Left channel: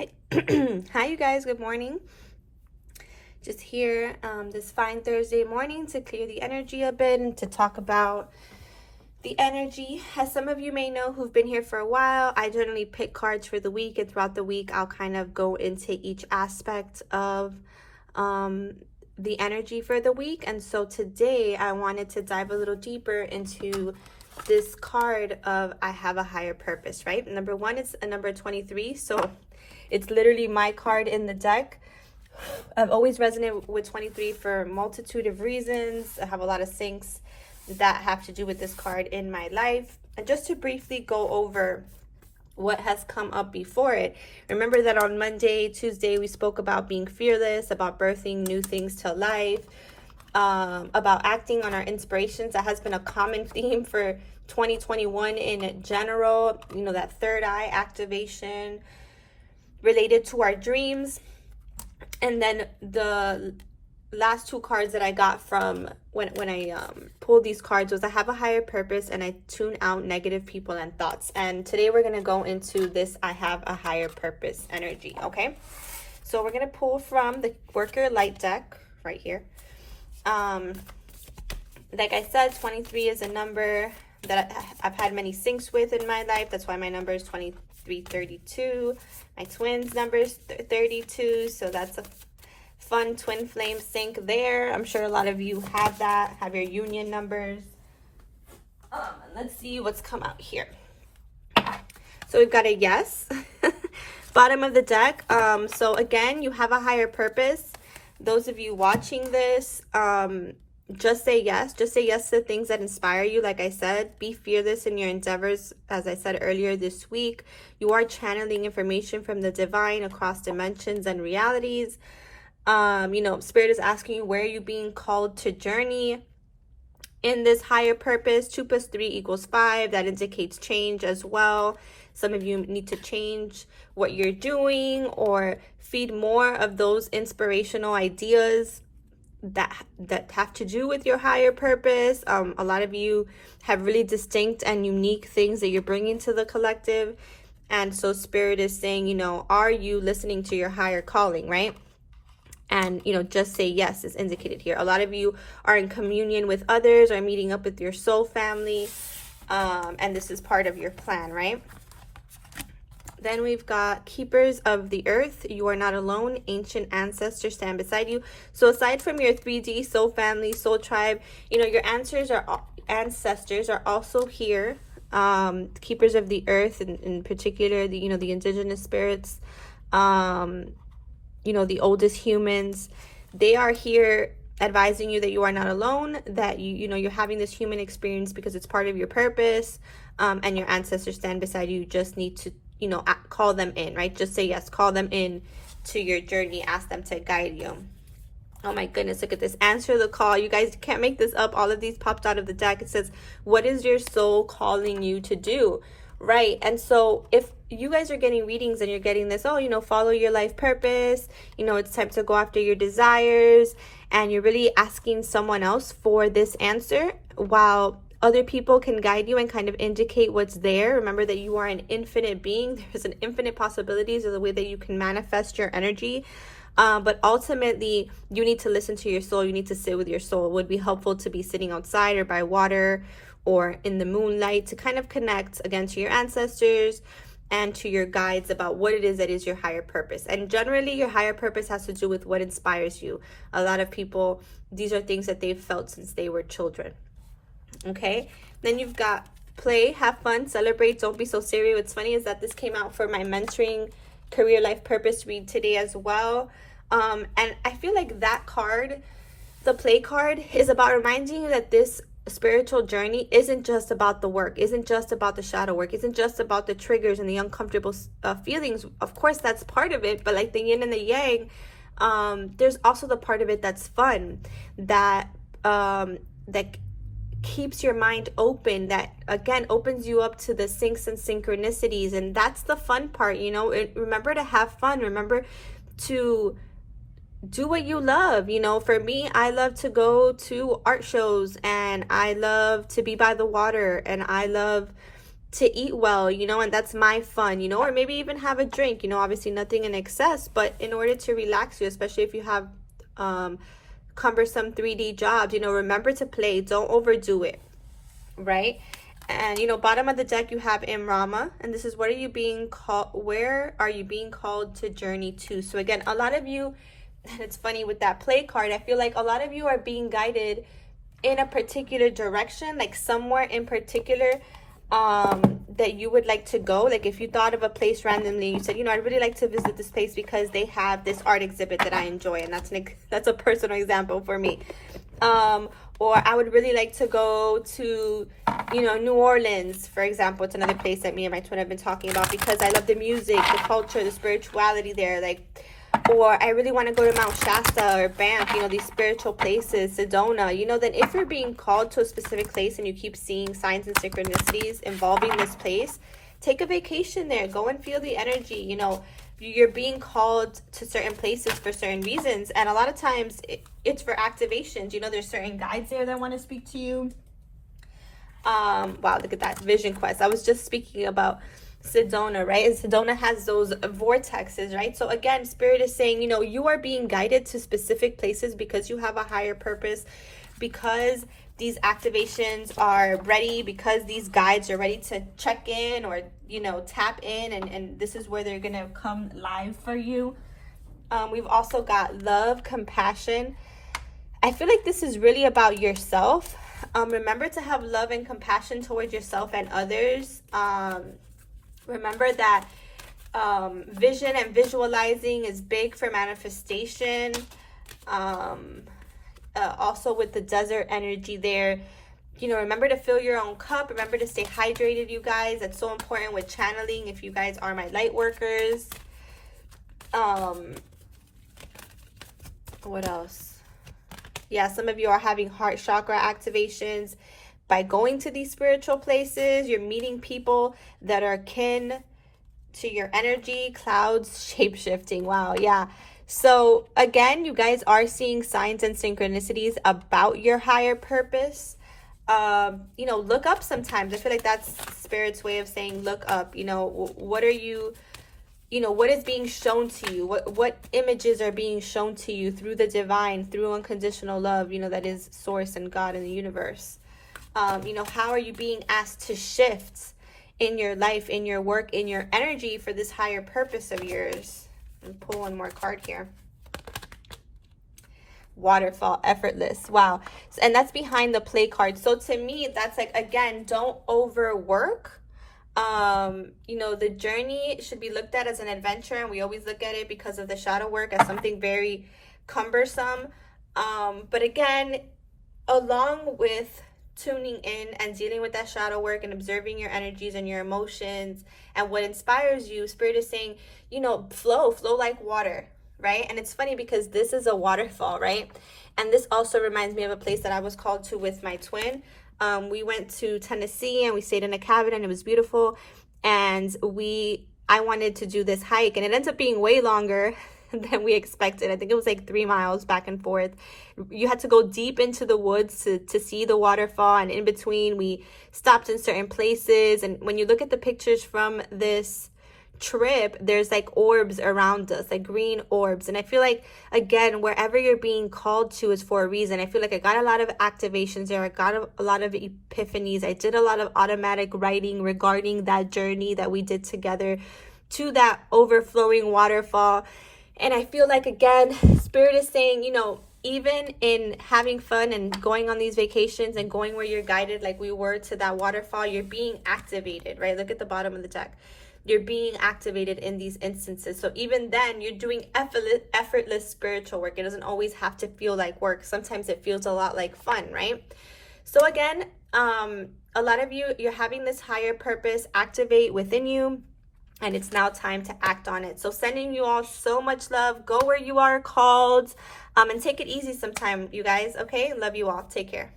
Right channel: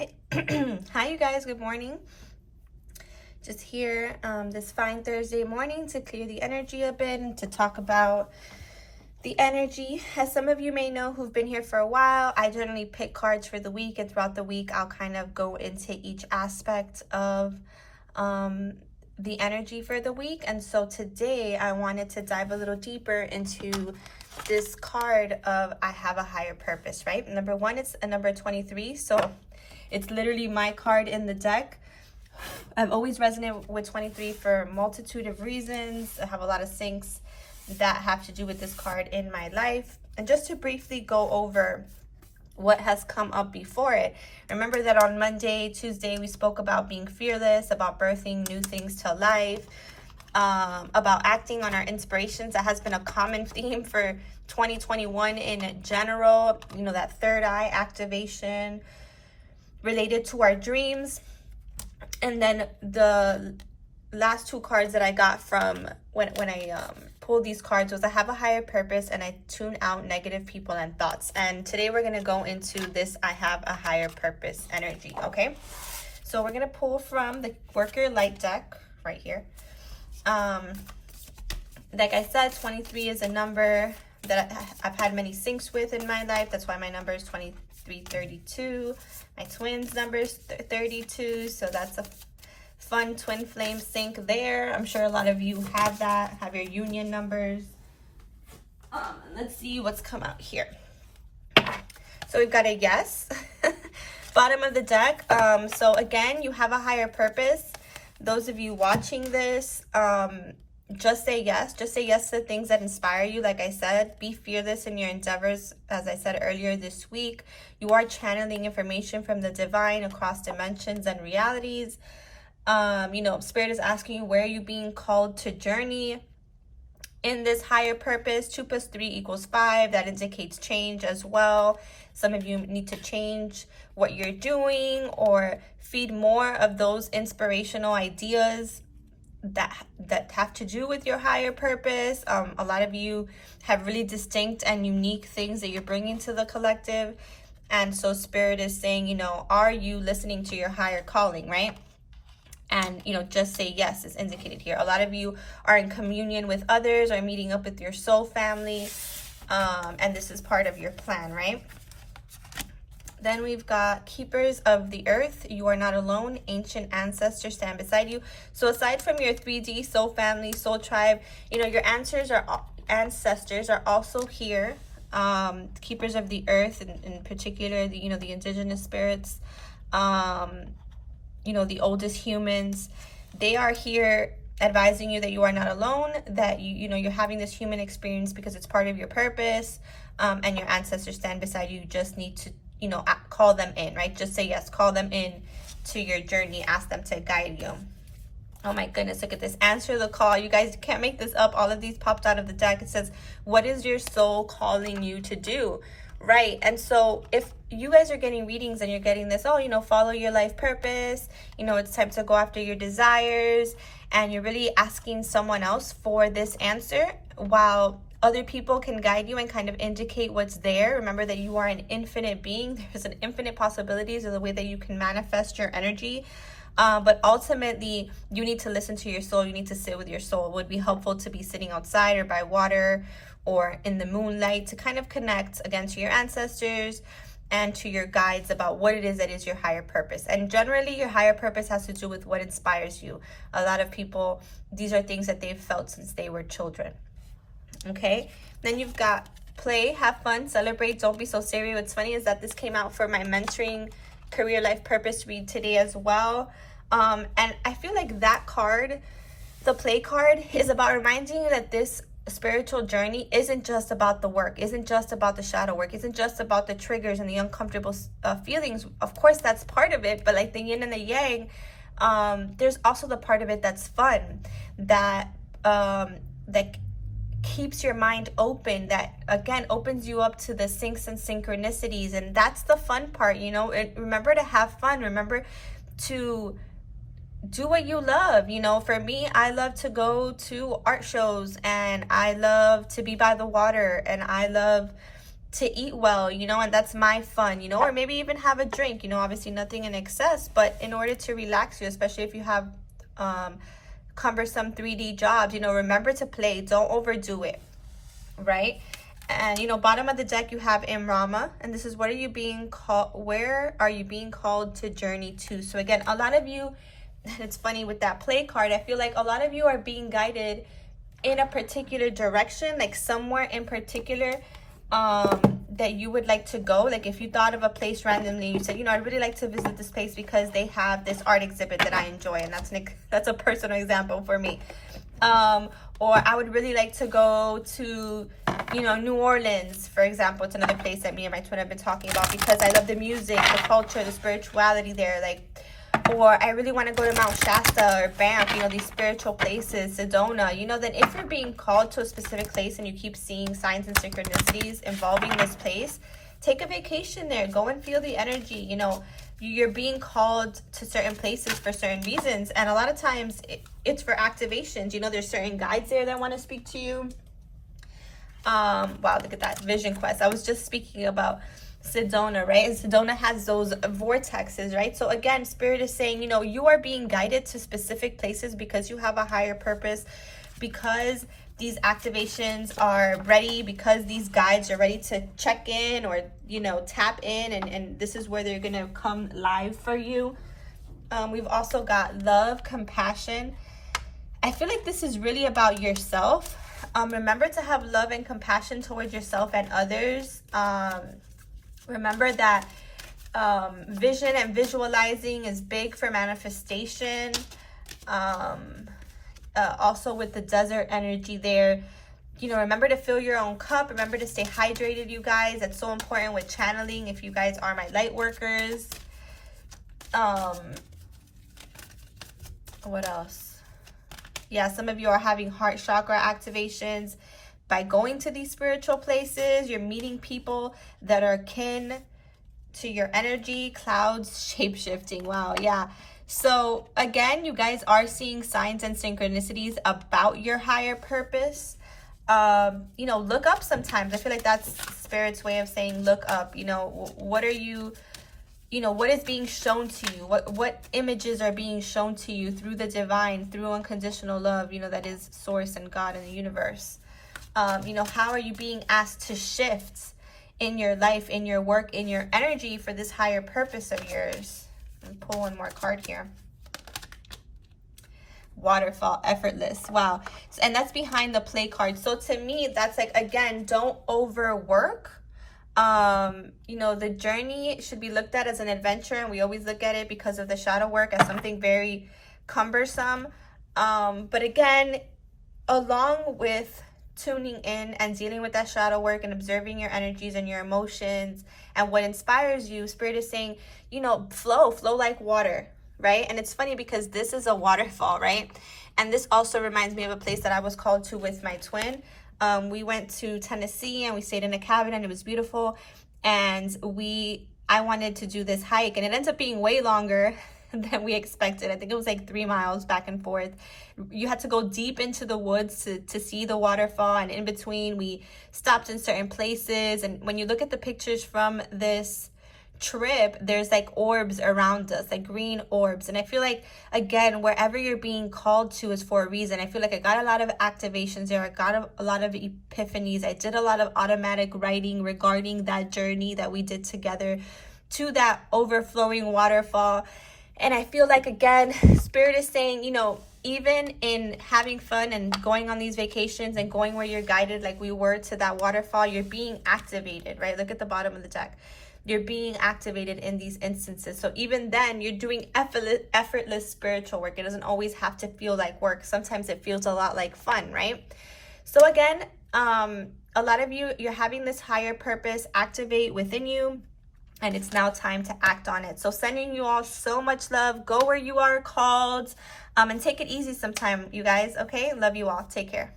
Hi, hi, you guys. Good morning. Just here this fine Thursday morning to clear the energy a bit and to talk about the energy. As some of you may know who've been here for a while, I generally pick cards for the week, and throughout the week, I'll kind of go into each aspect of the energy for the week. And so today, I wanted to dive a little deeper into this card of I have a higher purpose, right? Number one, it's a number 23. So it's literally my card in the deck. I've always resonated with 23 for a multitude of reasons. I have a lot of syncs that have to do with this card in my life. And just to briefly go over what has come up before it, remember that on Monday, Tuesday, we spoke about being fearless, about birthing new things to life, about acting on our inspirations. That has been a common theme for 2021 in general. You know, that third eye activation related to our dreams. And then the last two cards that I got from when I pulled these cards was I have a higher purpose and I tune out negative people and thoughts. And today we're going to go into this I have a higher purpose energy, okay? So we're going to pull from the Worker Light deck right here. Like I said, 23 is a number that I've had many syncs with in my life. That's why my number is 2332. My twins number is 32. So that's a fun twin flame sync there. I'm sure a lot of you have that, have your union numbers. Let's see what's come out here. So we've got a yes. Bottom of the deck. So again, you have a higher purpose. Those of you watching this, just say yes. Just say yes to things that inspire you. Like I said, be fearless in your endeavors. As I said earlier this week, you are channeling information from the divine across dimensions and realities. You know, Spirit is asking you, where are you being called to journey in this higher purpose? 2 + 3 = 5. That indicates change as well. Some of you need to change what you're doing or feed more of those inspirational ideas that have to do with your higher purpose. A lot of you have really distinct and unique things that you're bringing to the collective. And so Spirit is saying, you know, are you listening to your higher calling, right? And, you know, just say yes is indicated here. A lot of you are in communion with others or meeting up with your soul family. And this is part of your plan, right? Then we've got Keepers of the Earth. You are not alone. Ancient ancestors stand beside you. So aside from your 3D soul family, soul tribe, you know, your ancestors are also here. Keepers of the Earth, in particular, the, you know, the indigenous spirits, you know, the oldest humans, they are here advising you that you are not alone, that you know, you're having this human experience because it's part of your purpose, and your ancestors stand beside you. You just need to, you know, call them in, right? Just say yes, call them in to your journey, ask them to guide you. Oh my goodness, look at this. Answer the call. You guys can't make this up. All of these popped out of the deck. It says, what is your soul calling you to do? Right. And so if you guys are getting readings and you're getting this, oh, you know, follow your life purpose, you know, it's time to go after your desires, and you're really asking someone else for this answer, while other people can guide you and kind of indicate what's there. Remember that you are an infinite being. There's an infinite possibilities of the way that you can manifest your energy. But ultimately, you need to listen to your soul. You need to sit with your soul. It would be helpful to be sitting outside or by water or in the moonlight to kind of connect again to your ancestors and to your guides about what it is that is your higher purpose. And generally, your higher purpose has to do with what inspires you. A lot of people, these are things that they've felt since they were children. Okay, then you've got play, have fun, celebrate, don't be so serious. What's funny is that this came out for my mentoring career life purpose read today as well. And I feel like that card, the play card, is about reminding you that this spiritual journey isn't just about the work, isn't just about the shadow work, isn't just about the triggers and the uncomfortable feelings. Of course, that's part of it, but like the yin and the yang, there's also the part of it that's fun, that that keeps your mind open, that again opens you up to the syncs and synchronicities. And that's the fun part, you know. Remember to have fun, remember to do what you love. You know, for me, I love to go to art shows, and I love to be by the water, and I love to eat well, you know, and that's my fun, you know, or maybe even have a drink, you know, obviously nothing in excess, but in order to relax you, especially if you have cumbersome 3D jobs, you know, remember to play, don't overdo it, right? And you know, bottom of the deck you have Imrama, and this is where are you being called to journey to? So again, a lot of you, and it's funny with that play card, I feel like a lot of you are being guided in a particular direction, like somewhere in particular that you would like to go. Like if you thought of a place randomly, you said, you know, I'd really like to visit this place because they have this art exhibit that I enjoy, and that's a personal example for me. Or I would really like to go to, you know, New Orleans, for example. It's another place that me and my twin have been talking about because I love the music, the culture, the spirituality there. Like, or I really want to go to Mount Shasta or Banff, you know, these spiritual places, Sedona, you know. Then if you're being called to a specific place and you keep seeing signs and synchronicities involving this place, take a vacation there, go and feel the energy. You know, you're being called to certain places for certain reasons, and a lot of times it's for activations. You know, there's certain guides there that want to speak to you. Wow, look at that vision quest. I was just speaking about Sedona, right? And Sedona has those vortexes, right? So again, Spirit is saying, you know, you are being guided to specific places because you have a higher purpose, because these activations are ready, because these guides are ready to check in or, you know, tap in, and this is where they're gonna come live for you. We've also got love, compassion. I feel like this is really about yourself. Remember to have love and compassion towards yourself and others. Remember that vision and visualizing is big for manifestation. Also with the desert energy there, you know, remember to fill your own cup. Remember to stay hydrated, you guys. That's so important with channeling if you guys are my light workers. What else? Yeah, some of you are having heart chakra activations by going to these spiritual places. You're meeting people that are kin to your energy. Clouds, shape-shifting. Wow, yeah. So again, you guys are seeing signs and synchronicities about your higher purpose. You know, look up sometimes. I feel like that's Spirit's way of saying look up. You know, what are you, you know, what is being shown to you? What images are being shown to you through the divine, through unconditional love, you know, that is source and God in the universe? You know, how are you being asked to shift in your life, in your work, in your energy for this higher purpose of yours? And pull one more card here. Waterfall, effortless. Wow. And that's behind the play card. So to me, that's like, again, don't overwork. You know, the journey should be looked at as an adventure, and we always look at it because of the shadow work as something very cumbersome. But again, along with tuning in and dealing with that shadow work and observing your energies and your emotions and what inspires you, Spirit is saying, you know, flow like water, right? And it's funny because this is a waterfall, right? And this also reminds me of a place that I was called to with my twin. We went to Tennessee and we stayed in a cabin, and it was beautiful. And I wanted to do this hike, and it ends up being way longer than we expected. I think it was like 3 miles back and forth. You had to go deep into the woods to see the waterfall, and in between we stopped in certain places. And when you look at the pictures from this trip, there's like orbs around us, like green orbs. And I feel like, again, wherever you're being called to is for a reason. I feel like I got a lot of activations there. I got a lot of epiphanies. I did a lot of automatic writing regarding that journey that we did together to that overflowing waterfall. And I feel like, again, Spirit is saying, you know, even in having fun and going on these vacations and going where you're guided, like we were to that waterfall, you're being activated, right? Look at the bottom of the deck. You're being activated in these instances. So even then, you're doing effortless spiritual work. It doesn't always have to feel like work. Sometimes it feels a lot like fun, right? So again, a lot of you, you're having this higher purpose activate within you, and it's now time to act on it. So sending you all so much love. Go where you are called, and take it easy sometime, you guys, okay? Love you all. Take care.